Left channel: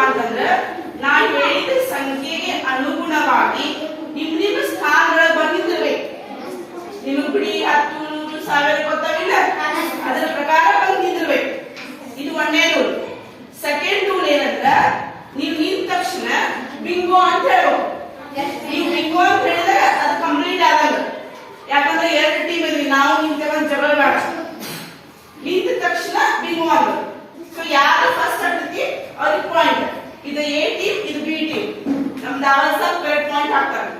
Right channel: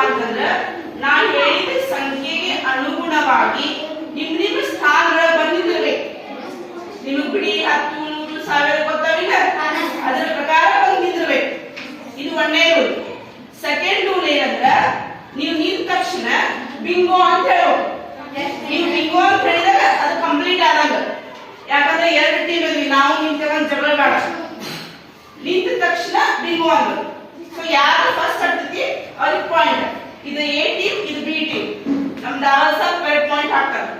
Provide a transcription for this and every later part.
ಅಂತಂದ್ರೆ ನಾನು ಹೇಳಿದ ಸಂಖ್ಯೆಗೆ ಅನುಗುಣವಾಗಿ ನಿಮ್ ನಿಮ್ಮ ಸ್ಥಾನಗಳ ಬಂದಿದ್ದೇವೆ ನಿಮಗ್ ಬಿಡಿ ಹತ್ತು, ನೂರು, ಸಾವಿರ ಗೊತ್ತಾವಿಲ್ಲ ಅದರ ಪ್ರಕಾರ ಬಂದು ನಿಂದಿರ್ಬೇಕು. ಇದು ಒಂದನೇ ರೂಲ್ ಸೆಕೆಂಡ್ ರೂಲ್ ಏನಂದ್ರ ನೀವು ನಿಂತ ತಕ್ಷಣ ಬಿಂಗೋ ಅಂತ ಹೇಳೋ ನೀವು ಬಿಂಗೋ ಅಂತ ಹೇಳಿದ್ರೆ ಅದು ಕಂಪ್ಲೀಟ್ ಆದಾಗ. ಯಾಕಂದ್ರೆ ಎರಡು ಟೀಮ್ ಇದ್ವಿ, ನಾವು ನಿಂತಾಗ ಜಗಳ ಬೇಡ. ನಿಂತ ತಕ್ಷಣ ಬಿಂಗೋ ಅಂತ ಸೊ ಯಾರು ಫಸ್ಟ್ ಆಗ್ತೈತಿ ಅವ್ರಿಗೆ ಪಾಯಿಂಟ್ ಇದು ಎ ಟೀಮ್ ಇದು ಬಿ ಟೀಮ್ ನಮ್ದು ಸ್ವಲ್ಪ ಕರೆಕ್ಟ್ ಪಾಯಿಂಟ್ ಹಾಕ್ತಾರೆ.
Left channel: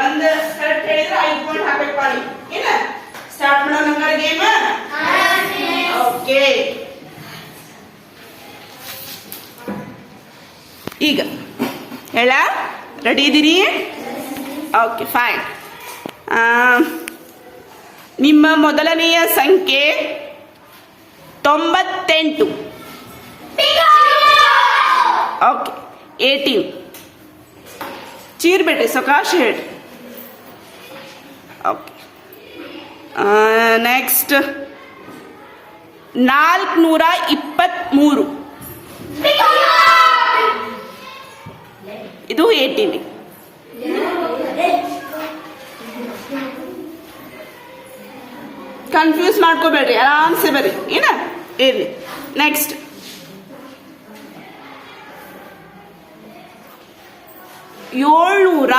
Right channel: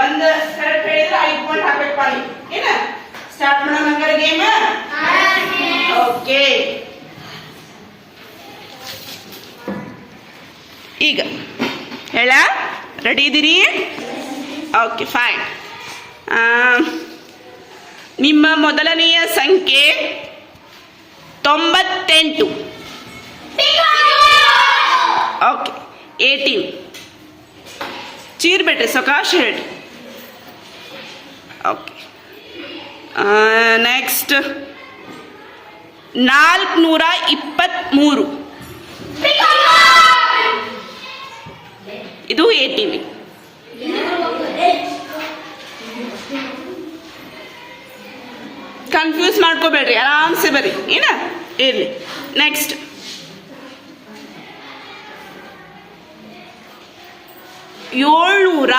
ಒಂದ್ ಕರೆಕ್ಟ್ ಹೇಳಿದ್ರೆ ಐದು ಪಾಯಿಂಟ್ ಹಾಕ್ಬೇಕು ಪಾಳಿ ಏನ? ಸ್ಟಾರ್ಟ್ ಮಾಡೋಣ ಹಂಗಾರೆ ಗೇಮ್ ಓಕೆ ಈಗ. ಹೇಳ? ರೆಡಿ ಇದ್ದೀನಿ ಓಕೆ ಫೈನ್ ನಿಮ್ಮ ಮೊದಲನೆಯ ಸಂಖ್ಯೆ ತೊಂಬತ್ತೆಂಟು. ಓಕೆ ಏಟೀನ್ ಚೀರ್ಬೇಡ್ರಿ ಸೊಕಾಶ್ ಹೇಳ್ರಿ ಓಕೆ ನೆಕ್ಸ್ಟ್ ನಾಲ್ಕುನೂರ ಇಪ್ಪತ್ತ್ಮೂರು ಇದು ಏಟೀನ್ ಕನ್ಫ್ಯೂಸ್ ಮಾಡ್ಕೋಬೇಡ್ರಿ, ಆರಾಮ್ಸೆ ಬರ್ರಿ. ಏನ? ಇರ್ಲಿ. ನೆಕ್ಸ್ಟ್ ಏಳ್ನೂರ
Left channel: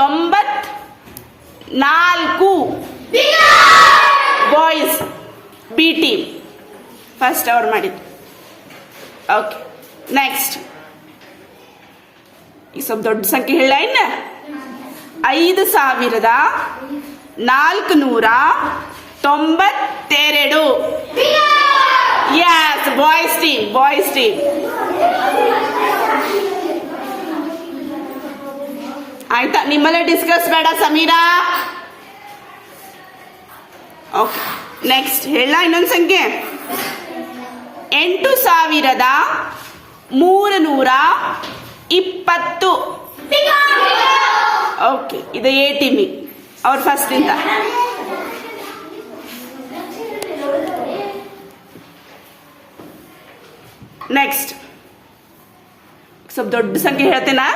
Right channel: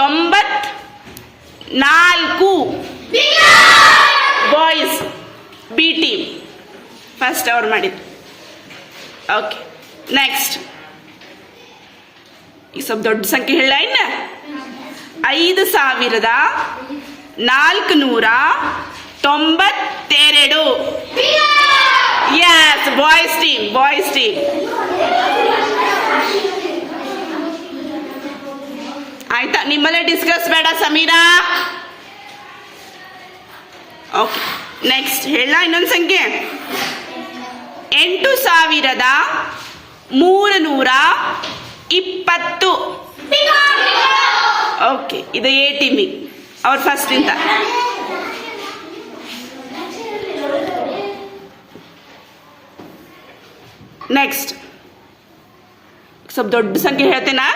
ತೊಂಬತ್ ನಾಲ್ಕು ಬಾಯ್ಸ್ ಬಿ ಟೀಮ್ ಫಸ್ಟ್ ಅವ್ರು ಮಾಡಿದ್ದು. ಓಕೆ ನೆಕ್ಸ್ಟ್ ಈ ಸ್ವಲ್ಪ ದೊಡ್ಡ ಸಂಖ್ಯೆ ಹೇಳ ಇನ್ನ. ಐದು ಸಾವಿರದ ನಾಲ್ಕು ನೂರ ತೊಂಬತ್ತೆರಡು. Yes boys team boys team ಆಯ್ತಾ, ನಿಮ್ಮಲ್ಲೇ ಡಿಸ್ಕಸ್ ಬೇಡ, ಸಮೀರಾ? ಓಕೆ ನೆಕ್ಸ್ಟ್ ಹೇಳ ಇನ್ನೊಂದು ಸಂಖ್ಯೆ. ಎಂಟು ಸಾವಿರದ ಮೂರು ನೂರ ಇಪ್ಪತ್ತು. ಓಕೆ ಇದು ಎ ಟಿಮಿ ಅವ್ರ ಫಸ್ಟ್ ಇಂದ. ನೆಕ್ಸ್ಟ್ ಸ್ವಲ್ಪ ದೊಡ್ಡ ಸಂಖ್ಯೆ ಹೇಳ್ತೇನಾ?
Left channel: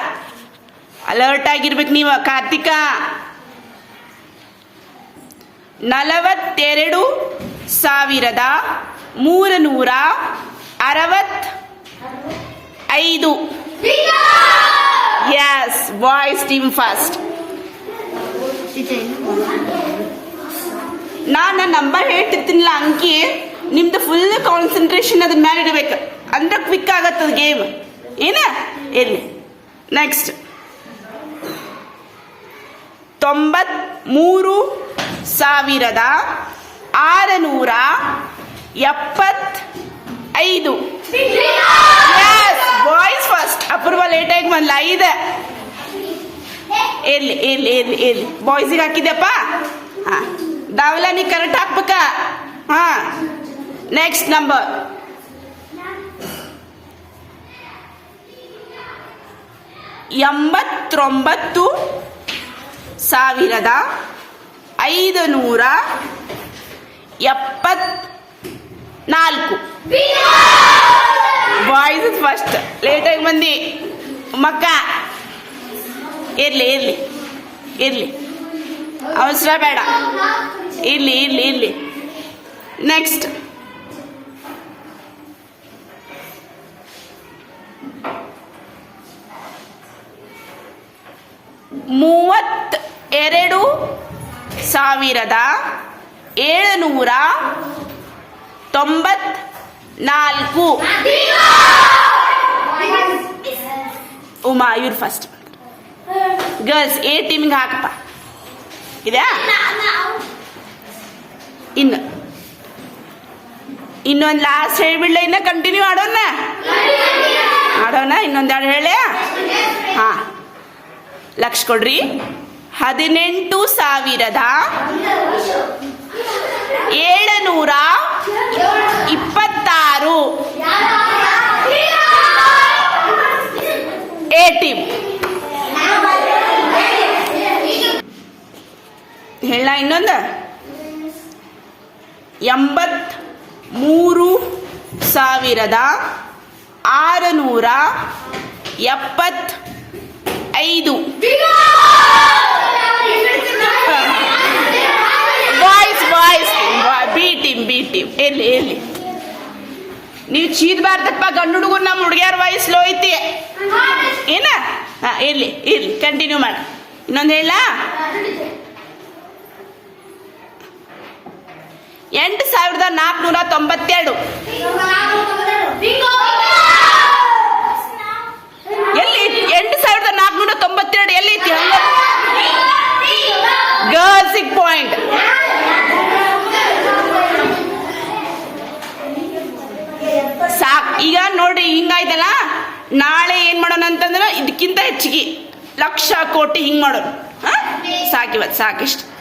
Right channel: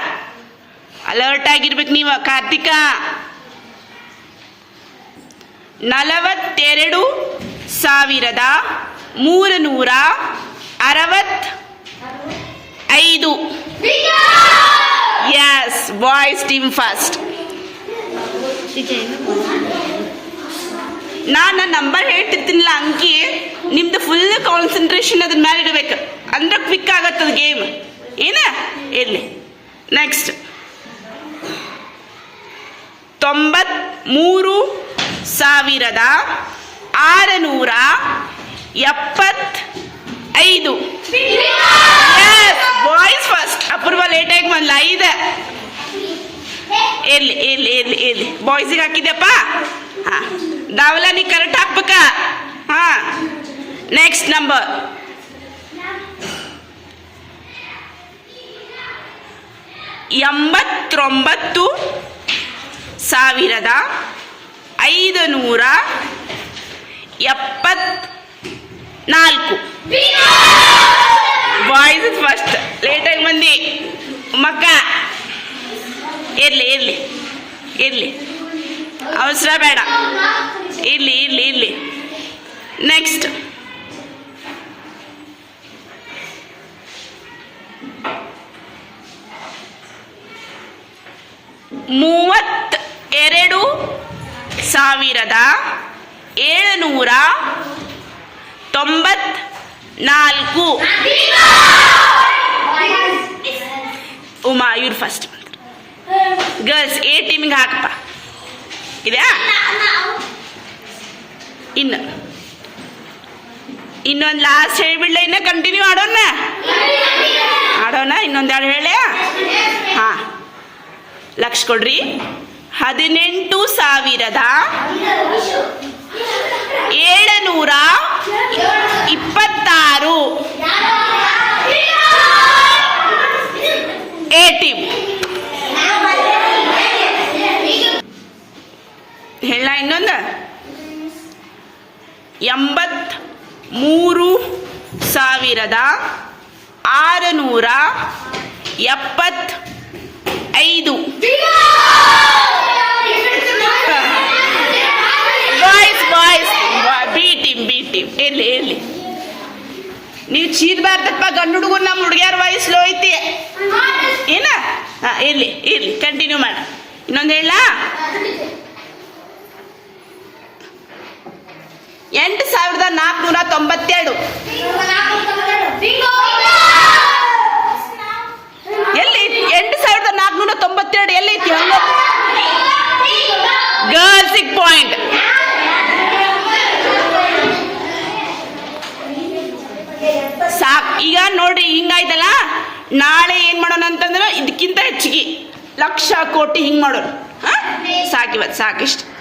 ಅಲರ್ಟ್ ಆಗಿರ್ಬೇಕು ನೀವು, ಕಾರ್ತಿಕ. ನಲವತ್ತೆರಡು ಸಾವಿರದ ಮೂರು ನೂರ ಅರವತ್ ಐದು ಎಸ್ ಬಾಯ್ಸ್ ಟೀಮ್ ಫಸ್ಟ್ ನಾನು ನಂಬರ್ ಹೇಳ್ತಿರ್ತೀನಿಲ್ಲ ಅಂಕಿ ನಿಮ್ದು ಫುಲ್ ಕಾನ್ಸಂಟ್ರೇಷನ್ ಅದ್ರ ಮೇಲೆ ಇಡಬೇಕು. ಅಂದ್ರೆ ಕ್ವಿಕ್ ಆಗತ್ತದ ಗೇಮ್ ಏನ? ಇರಲಿ. ನೆಕ್ಸ್ಟ್ ತೊಂಬತ್ಮೂರು ಸಾವಿರದ ಆರುನೂರ ಎಪ್ಪತ್ ಐದು ಬಾಯ್ ಫಸ್ಟ್ ಅಪೂರ್ವ ಲೇಟಾಗಿ ಬಂದ್ಲ. ಐದು. ಎಲ್ಲಿ ಎಲ್ಲಿ ಎಲ್ಲಿ ಎಲ್ಲಿ? ಬಾಯ್ಸಿಗೆ ಹಾಕಿದ್ಯಪ್ಪ? ಹಾ. ದಾವಲ, ನೀ ಕರೆಕ್ಟ್ ಹಾಕ್ಬೇಕ? ಹಾ. ನೆಕ್ಸ್ಟ್ ನಂಬರ್ ಎಂಬತ್ತೊಂಬತ್ತು ಸಾವಿರದ ಐದು ನೂರ ಎಪ್ಪತ್ ನಾಲ್ಕು ಬಾಯ್ಸ್ ಫಸ್ಟ್ ಲೇಟಾಗಿ ಬಂದಿ. ಮಕ್ಕ. ಇರಲಿ ಇರಲಿ ಇರಲಿ. ಅವಸರ ಬೇಡ. ಇರಲಿ ಇರಲಿ ಇರಲಿ. ನೆಕ್ಸ್ಟ್ ಮೂವತ್ ಎರಡು ಸಾವಿರದ ಏಳುನೂರ ತೊಂಬತ್ ನಾಲ್ಕು. ಉಮಾ, ಇವ್ರು ಫಸ್ಟ್ ಗರ್ಲ್ಸ್ ಎ ಟೀಮಿಗೆ ಹಾಕಪ್ಪ. ಇದೆಯಾ? ಇನ್ನು. ಇನ್ನೊಂದು ಲಾಸ್ಟ್ ಹೇಳ್ಬಿಡ್ಲ, ಇನ್ನ ಕಂಟಿನ್ಯೂ ಆಡೋಣ ಆಡೋಣ ಇನ್ನೊಂದೆರಡು ಹೇಳ ಹಾಂ. ಲಕ್ಷ ಕೊಡ್ರಿ. ಹದಿನೆಂಟು ಸಾವಿರದ ಏಳುನೂರ ಇಪ್ಪತ್ತಾರು. ಟೀಮ್ ಹೇಳ ಇನ್ನೊಂದು. ಎಂಬತ್ ಮೂರು ಸಾವಿರದ ಆರುನೂರ ಎಪ್ಪತ್ ಐದು ನೀವು ಚೀದ್ಬಾರ್ದಪ್ಪ, ಗಂಡು ಹುಡುಗರು ನಮ್ಮ ಹುಡುಗಿಯರ ವಯಸ್ಸು ಐತಿ ಏನ? ಇರ್ಲಿ ಇರ್ಲಿ ಕಂಟಿನ್ಯೂ ಮಾಡಿ. ಇನ್ನೊಂದು ಹೇಳ? ಎಂಟು ಸಾವಿರದ ನಾಲ್ಕುನೂರ ತೊಂಬತ್ತೆರಡು ಎಲ್ಲಿ ಐತಿ? ಎಂಟು ಸಾವಿರದ ನಾಲ್ಕುನೂರ ತೊಂಬತ್ತೆರಡು ಎಲ್ಲಿ ಐತಿ ಹಂಗ ಗರ್ಲ್ಸಿಗೆ ಪಾಯಿಂಟ್ ಸಾಕ್ ಈಗ ನೋಡ್ರಿ ಹಿಂಗಾಯ್ತಲ್ಲ? ನಾಳೆ ಏನ್ ಮಾಡೋಣ ಅಂತಂದ್ರೆ ಇದಕ್ಕಿಂತ ಹೆಚ್ಚಿಗೆ ಲಕ್ಷ ಕೋಟಿ ಹಿಂಗ್ ಮಾಡೋಣ ಹಾ? ಸಾಕಿವತ್ತು ಸಾಕಿಷ್ಟು.